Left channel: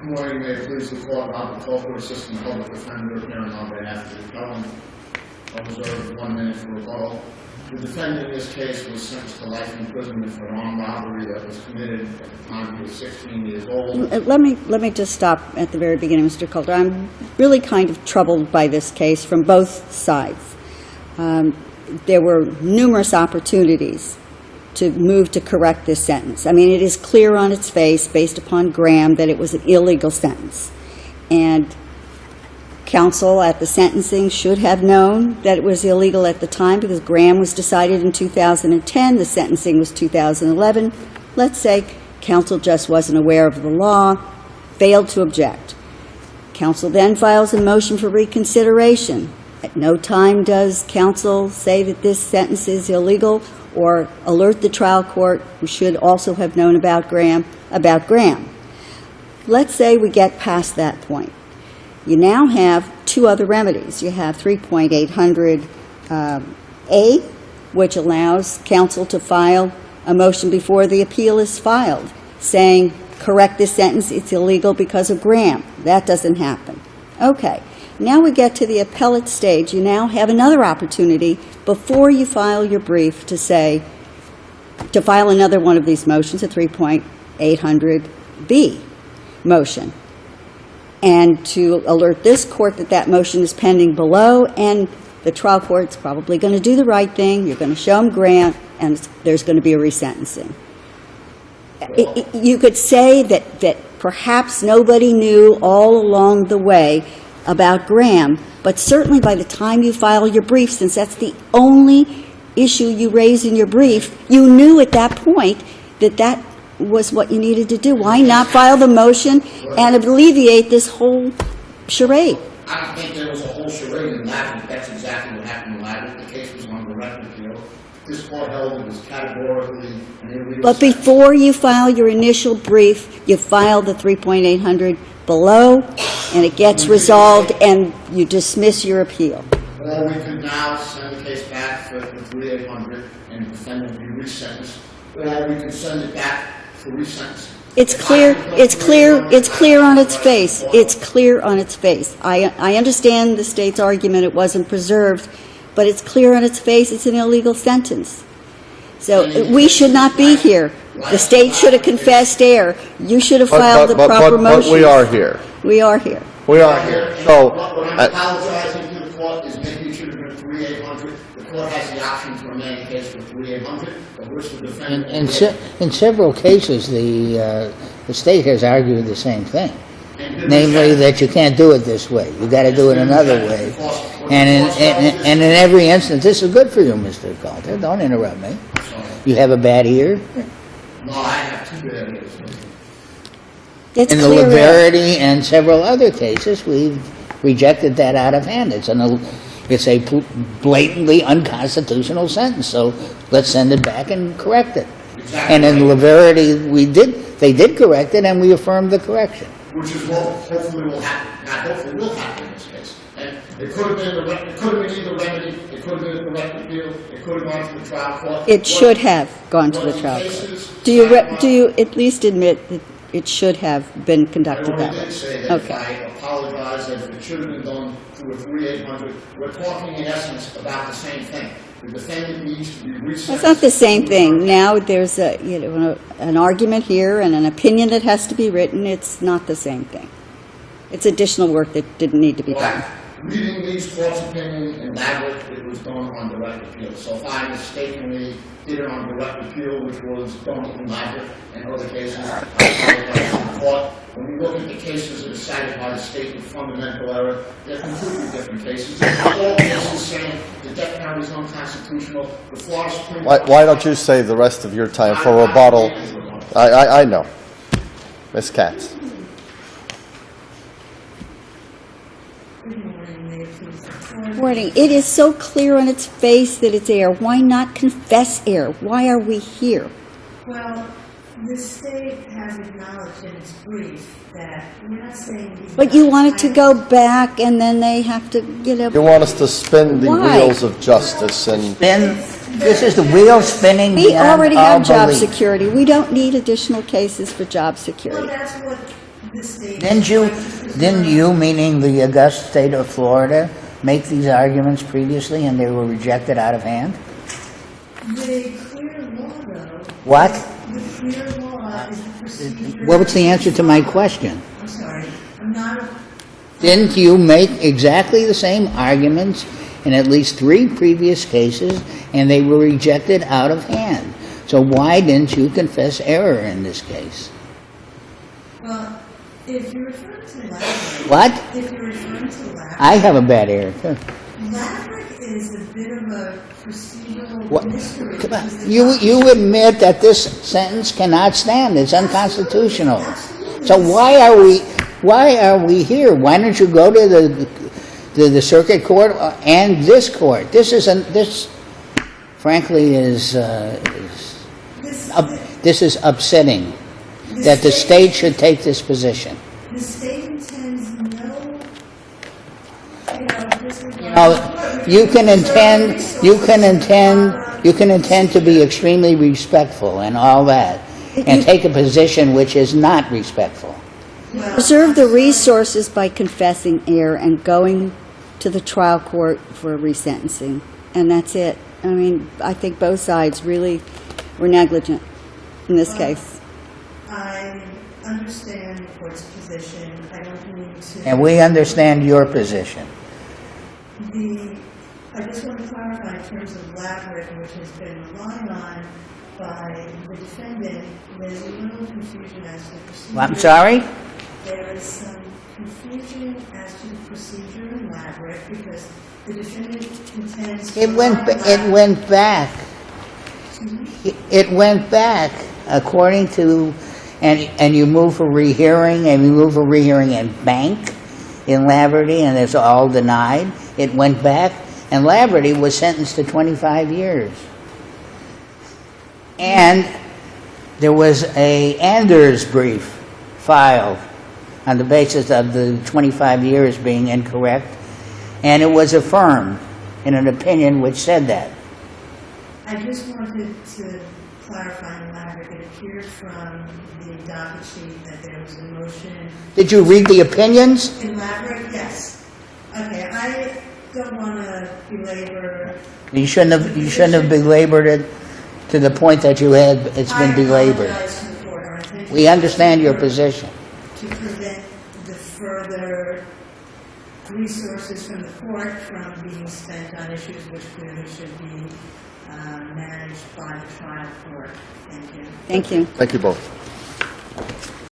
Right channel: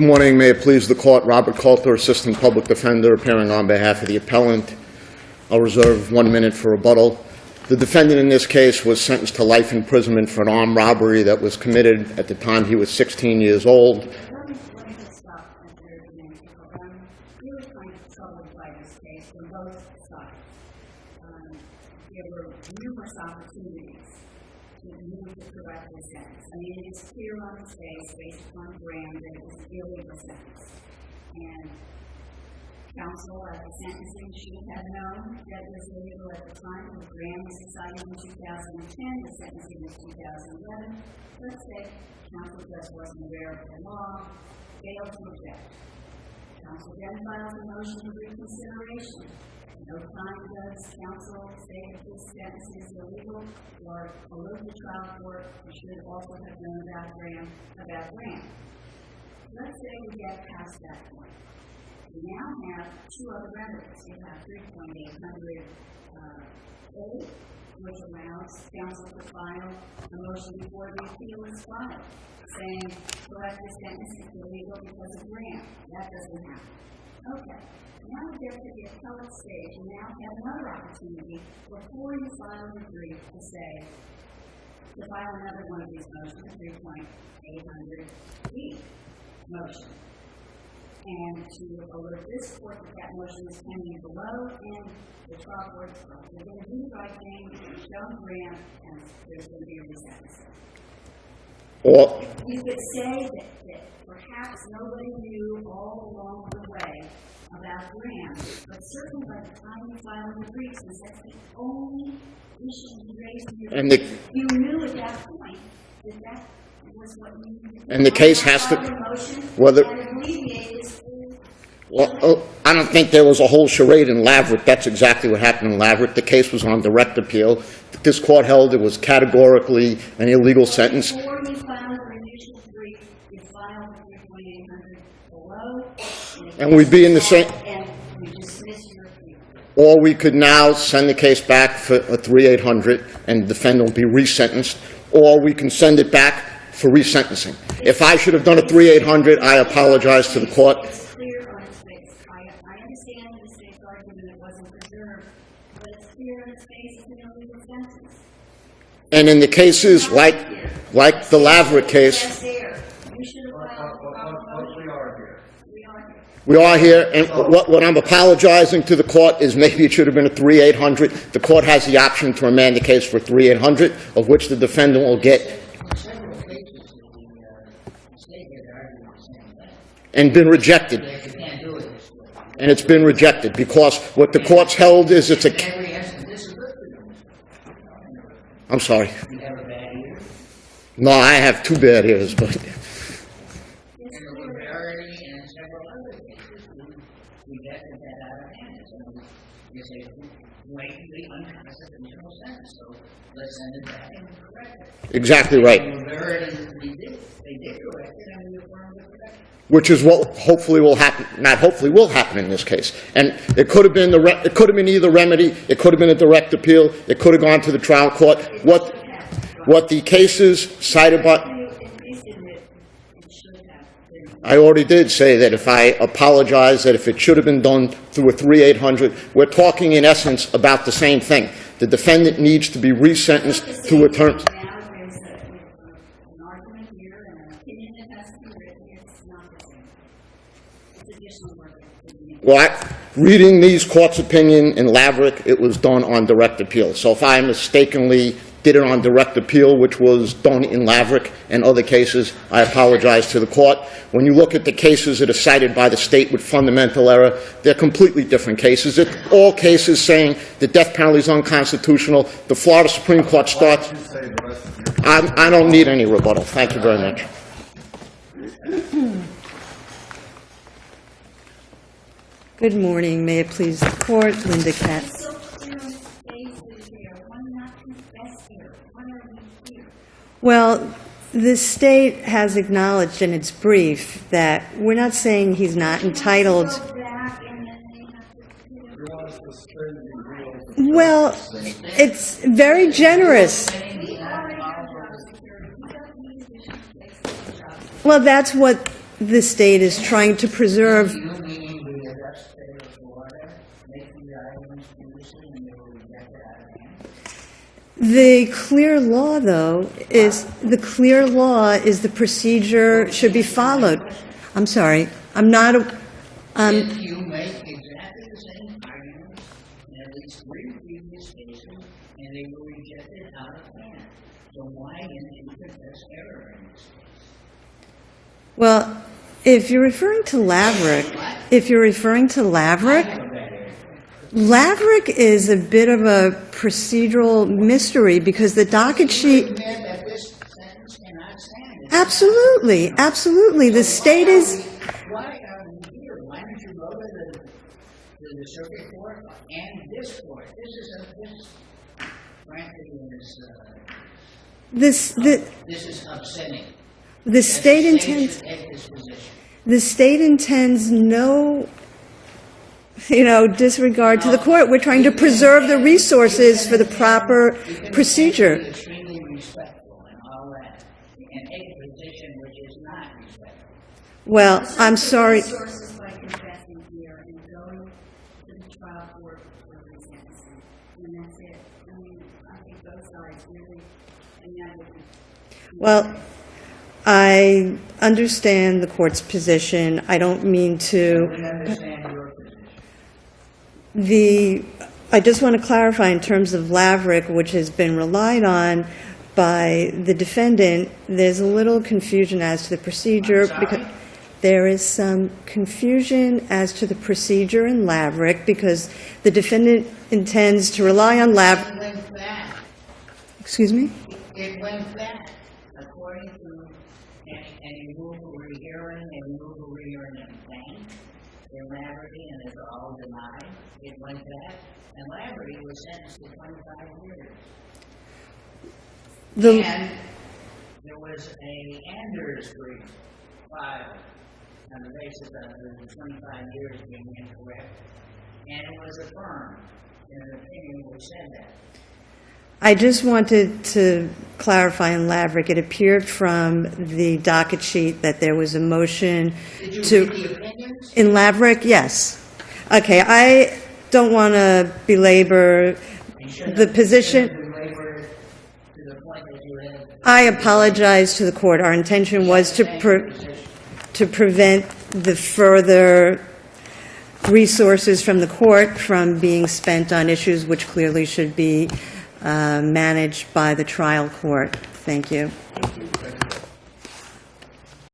Good morning. May it please the court, Robert Coulter, Assistant Public Defender, appearing on behalf of the appellant. I'll reserve 1 minute for rebuttal. The defendant in this case was sentenced to life imprisonment for an armed robbery that was committed at the time he was 16 years old. Let me just stop at the very beginning, Mr. Coulter. I'm really kind of troubled by this case from both sides. There were numerous opportunities to move to correct this sentence. I mean, it is clear on its face, based upon Graham, that it was an illegal sentence. And counsel at the sentencing should have known that it was illegal at the time, because Graham was decided in 2010, the sentencing was 2011. Let's say counsel just wasn't aware of the law, failed to object. Counsel then files a motion for reconsideration. At no time does counsel say that this sentence is illegal or alert the trial court, who should also have known about Graham. Let's say we get past that point. You now have two other remedies. You have 3.800A, which allows counsel to file a motion before the appeal is filed, saying, correct this sentence, it's illegal because of Graham. That doesn't happen. Okay. Now we get to the appellate stage. You now have another opportunity before you file your brief to say, to file another one of these motions, a 3.800B motion, and to alert this court that that motion is pending below, and the trial court's probably going to do the right thing. You're going to show them Graham, and there's going to be a resentencing. You could say that perhaps nobody knew all along the way about Graham, but certainly by the time you file your brief, since that's the only issue you raise in your brief, you knew at that point that that was what you needed to do. Why not file the motion and alleviate this whole charade? Well, I don't think there was a whole charade in Laverick. That's exactly what happened in Laverick. The case was on direct appeal. This court held it was categorically an illegal sentence. But before you file your initial brief, you file the 3.800 below, and it gets resolved, and you dismiss your appeal. Or we could now send the case back for a 3.800, and the defendant will be resentenced, or we can send it back for resentencing. If I should have done a 3.800, I apologize to the court. It's clear on its face. I understand the state's argument it wasn't preserved, but it's clear on its face it's an illegal sentence. So we should not be here. Like the state should have confessed error. You should have filed the proper motion. But we are here. We are here. We are here, and what I'm apologizing to the court is maybe it should have been a 3.800. The court has the option to remand the case for 3.800, of which the defendant will get. In several cases, the state has argued the same thing. And been rejected. Namely, that you can't do it this way. You got to do it another way. It's been rejected because what the court's held is. And in every instance, this is good for you, Mr. Coulter. Don't interrupt me. I'm sorry. You have a bad ear? No, I have two bad ears, but. It's in the Liberty and several other cases, we've rejected that out of hand. It's a blatantly unconstitutional sentence. So let's send it back and correct it. Exactly and right. And in Liberty, they did correct it, and we affirmed the correction. Which is what hopefully will happen. Not hopefully will happen in this case. And it could have been either remedy. It could have been a direct appeal. It could have gone to the trial court. It should have gone to the trial court. What the cases cited by. Do you at least admit that it should have been conducted? I already did say that. If I apologize, that if it should have been done through a 3.800, we're talking in essence about the same thing. The defendant needs to be resentenced. It's not the same thing. Now there's an argument here and an opinion that has to be written. It's not the same thing. It's additional work that didn't need to be done. Reading these court's opinion in Laverick, it was done on direct appeal. So if I mistakenly did it on direct appeal, which was done in Laverick and other cases, I apologize to the court. When you look at the cases that are cited by the state with fundamental error, they're completely different cases. They're all cases saying the death penalty is unconstitutional. The Florida Supreme Court Why don't you save the rest of your time for rebuttal? I don't need any rebuttal. I know. Ms. Katz. Good morning. May it please the court. It is so clear on its face that it's error. Why not confess error? Why are we here? Well, the state has acknowledged in its brief that we're not saying he's not entitled. But you want it to go back, and then they have to get up. You want us to spin the wheels of justice, it's very this is generous. The wheel spinning. We already have job belief. security. We don't need additional cases for job security. Well, that's what the state is trying to preserve. Didn't you, meaning the august state of Florida, make these arguments previously and they were rejected out of hand? The clear law, though, What? is the clear law is the procedure What was should the be answer to my followed. question? I'm sorry, I'm not. Didn't you make exactly the same arguments in at least 3 previous cases, and they were rejected out of hand? So why didn't you confess error in this case? Well, if you're referring to Laverick. What? If you're referring to Laverick. I have a bad error, too. Laverick is a bit of a procedural mystery because the docket You sheet. admit that this sentence cannot stand, it's Absolutely, unconstitutional. absolutely. So The state why are we here? Why don't you go to the circuit court and this court? This frankly is This, this is upsetting, the that the state intends- should take this position. The state intends no, disregard to the court. We're trying You to can preserve intend- the resources you can for the proper You can intend to be procedure. extremely respectful and all that, and take a position which is not respectful. Well, Preserve I'm the sorry. resources by confessing error and going to the trial court for resentencing. And that's it. I mean, I think both sides really were negligent in this Well, case. I understand the court's position. I don't mean to. And we understand your position. I just want to clarify in terms of Laverick, which has been relied on by the defendant, there's a little confusion as to the procedure. I'm sorry? There is some confusion as to the procedure in Laverick because the defendant intends to rely on It Laverick. went back. Excuse me? It went back according to, and you move for rehearing, and you move for rehearing in Bank, in Laverty, and it's all denied. It went back, and Laverty was sentenced to 25 years. And there was a Anders brief filed on the basis of the 25 years being incorrect, and it was affirmed in an opinion which said that. I just wanted to clarify in Laverick, it appeared from the docket sheet that there was a motion. Did you read the opinions? In Laverick, yes. Okay, I don't want to belabor You shouldn't the have, you shouldn't have position. belabored it to the point that you had, it's been I belabored. apologize to the court. Our intention We was understand your position. to prevent the further resources from the court from being spent on issues which clearly should be managed by the trial court. Thank you. Thank you. Thank you both.